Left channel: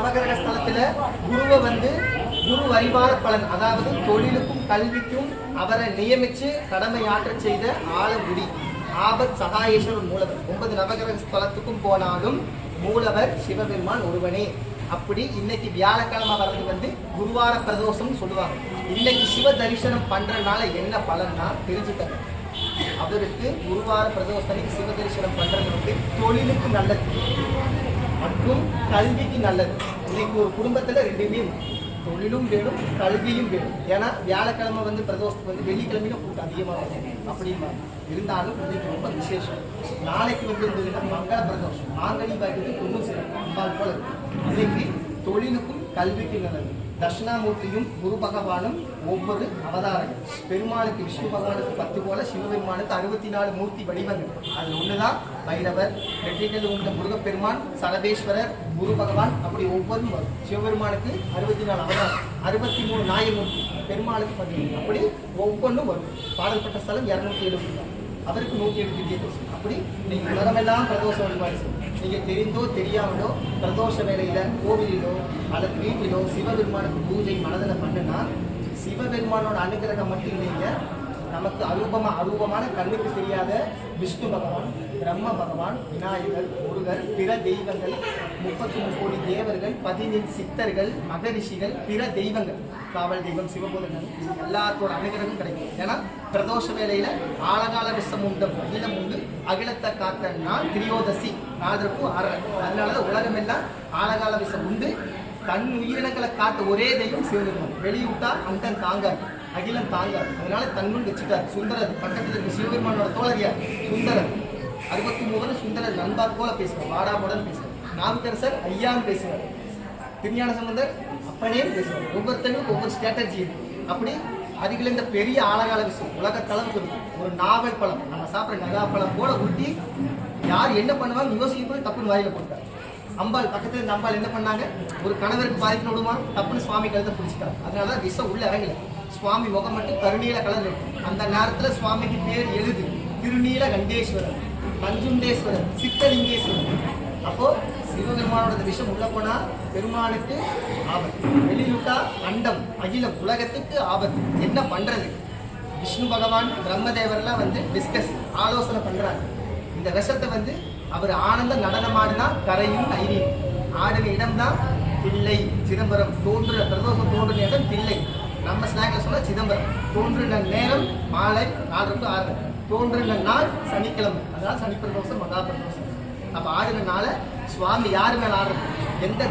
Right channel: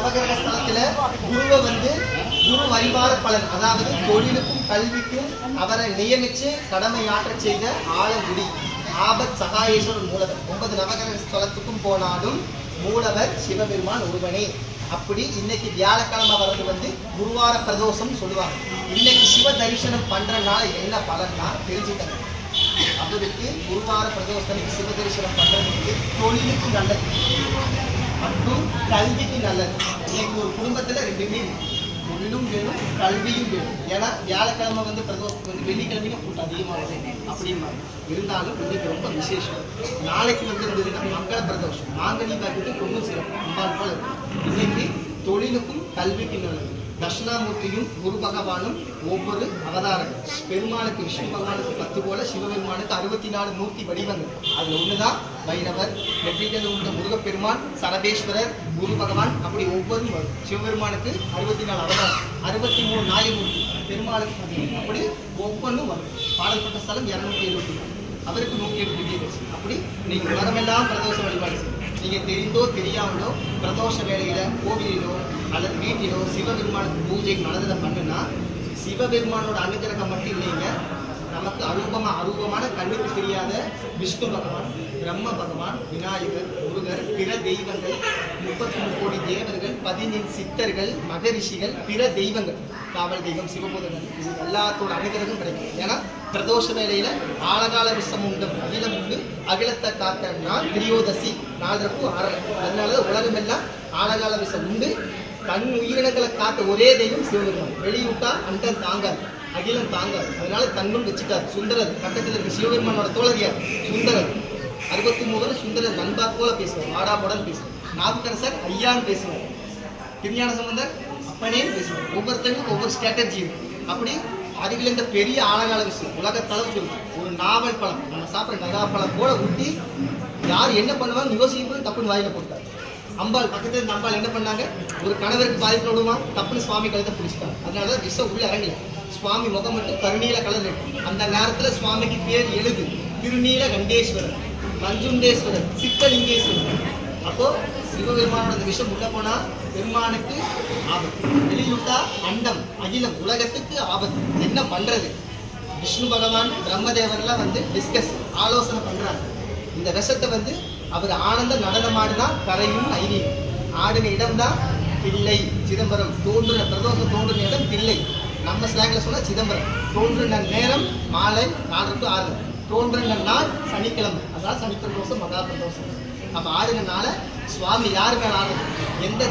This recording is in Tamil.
நவகிரக ஸ்தலத்துல குருவை குரு வழிபார பலன், அதாவது தொழிலுக்கும் கல்விக்கும் அவரை நியமிச்சு கடமையாற்ற செய்த ஆலங்குடி ஆபத் சகாயேஸ்வரர் மூலவர். 9 நவகிரக ஸ்தலத்துக்கும் போனாலும் மூலவர் சிவபெருமான் ஒருவனே. அப்படி இன்னைக்கு வியாழக்கிழமை வர்றது குருவார பிரதோஷம் சொல்லுவாங்க. இன்னைக்கு சிவ தரிசனம் பண்றதுனால என்ன பலன்னா தெரிஞ்சுக்கங்க. அவருக்கு குருவார பிரதோஷத்துக்கு சிவ தரிசனம் பண்றதுக்கு தொழிலுக்கு நல்லது மற்றும் கல்விக்கு நல்லது. இன்னைக்கு ஒரு குடும்பத்துல ரெண்டுமே தொழிலும் வேணும் கல்வியும் வேணும். ஏன்னா வியாழக்கிழமை பிரதோஷத்துக்கு வெள்ளிக்கிழமையும் கூட்டம் அதிகமாக இருக்கும் அப்படிமா இருந்தாலும் இன்னைக்கு ரொம்ப விசேஷம். நாளைக்கு இருந்ததுன்னா மங்கள பிரதோஷம், மாங்கனி பாக்கிட்டு தொண்ணூறு சிறப்பு போல இன்னைக்கு தொழிலுக்கும் கல்விக்கு நல்லது. தட்சிணாமூர்த்தியும் குரு பகவானும் ஒவ்வொரு அவதாரங்கள். பெருமாளுக்கு விஷ்ணு பகவானுக்கு 10 போல, சிவபெருமானுக்கு 64 மூர்த்தி வடிவங்கள். அது ஒண்ணுதான் பைரவர். வெற்றிகள் உள்ள முருகப்பெருமான், சரபேஸ்வரர், குரு பகவான், அப்படி ஒவ்வொரு சிவபெருமானுக்கு 64 அவதாரம், 63 நாயமூர்த்தி, பெருமாளுக்கு 10, அப்படி ஒவ்வொன்றும் வரும். பாடல்பட்ட ஸ்தலம் 270, அவருக்கு 108 டிகிரி. அப்படி நீங்க மரமெல்லாம் பிரதோஷ வழிபாடு செய்யும். நீங்க தெரிந்தோ தெரியாமலோ பிரதோஷ வேலையில கோவிலிலோ அல்லது வீட்டிலோ சிவபெருமானுக்கு பூஜை மனதில் பண்ணுனா சிவபெருமானோட அனுகிரகம் மட்டும் இல்லைங்க, நமக்கு அரூபமான கண்ணுக்கு தெரியாத விஷ்ணு பகவான், பிரம்ம பகவான், விநாயகர், முருகர், பிற தெய்வங்கள், 33 கோடி தேவர்கள், 15 சித்தர்கள், மகரிஷிகள், பிற தெய்வங்கள், காவல் தெய்வம், சிவபூதங்கள், எல்லாத்தோட அனுகிரகம் கிடைக்கும். ஏன்னா பிரதோஷ வேலையில ஆழகால விஷம் உண்டு, அகிலம் உண்டு, அகிலத்தை காத்த நாள் திரியோதசி 4 அதனாலதான் உலகம் எல்லாம் ஆழகால விஷம் உண்டு. தன் உயிரினங்களை காத்த ஒரே தெய்வம் சிவபெருமான். வெளியூட்டா அண்டன் தாங்காது, அகிலம் தாங்காது. அதனால தன்னும் வச்சுட்டார். சுந்தரர் பக்கத்தில் இருக்க சிவபெருமானோட தோழறியார் சுந்தரர். 63 சுந்தரர் நண்பார் போல பேசுவார், வாடாமுடன் பேசுவார். நாவுக்கரசர் ஐயான்னு பேசுவார், திருஞான சம்பந்தர் அப்பனேன்னு பேசுவார். ஒவ்வொருத்தருக்கும் ஒவ்வொரு ஸ்ட்ராட்டஜி இருக்கு. அப்படி அதுக்குள்ள இந்த பெரிய ஆழகால விஷயம் உலகத்தளவுக்கு ஒரு நாவல் பழம், நம்ம சாப்பிட்ற நகா பழம் போல ஊட்டி யார் என்ன பண்ணுவாங்க யோசிக்கும் தப்புன்னு வாயில போட்டார். அம்பாள் பக்கத்துல இருந்த அம்பாள் என்ன பண்ணாங்க, ஒரு கணவருக்கு பாதிப்பு விடுமா தப்புன்னு சுவாமி கழுத்தை பிடிச்சிட்டாங்க. அதனாலதான் விஷம் உள்ள இறங்கல. சுவாமி முகம் மட்டும் கருநீல கலர் இருக்கும். அந்த நேரத்துல சுவாமிக்கு பேர் எழுது திருநீல கண்டேஸ்வரர், மஞ்சுண்டேஸ்வரர், சித்தலிங்கேஸ்வரர். அப்போ சிவபெருமானோட விஷம் உள்ள போனா பெருமானுக்கு ஆபத்து, வெளியிட்டா அண்டம் அகிலம் உலகத்துக்கு ஆபத்து. என்ன பண்றது? விஷ்ணு பகவான் பிரம்மதேவர்லாம் டிஸ்கஸ் ஆலோசனை பண்றாங்க. இந்த விஷத்தை அவர் ஆனந்த நடனமாடினா கரையும் ஐரியும். ஆடின இடம் தான் தில்லை சிதம்பரம். தோன்றுன பிரதோஷம் தோன்றின இடம் தில்லை. நம்ம ஸ்லாங்ல சொன்னா சிதம்பரம். தோன்றின நேரம் மாலை 4 to 6. தோன்றின நாள் சனிக்கிழமை, அதாவது சனி பிரதோஷம் மகா பிரதோஷம். அப்ப ஆடின நாள சுவாமி யாரு மேல ஆடுறது? எந்த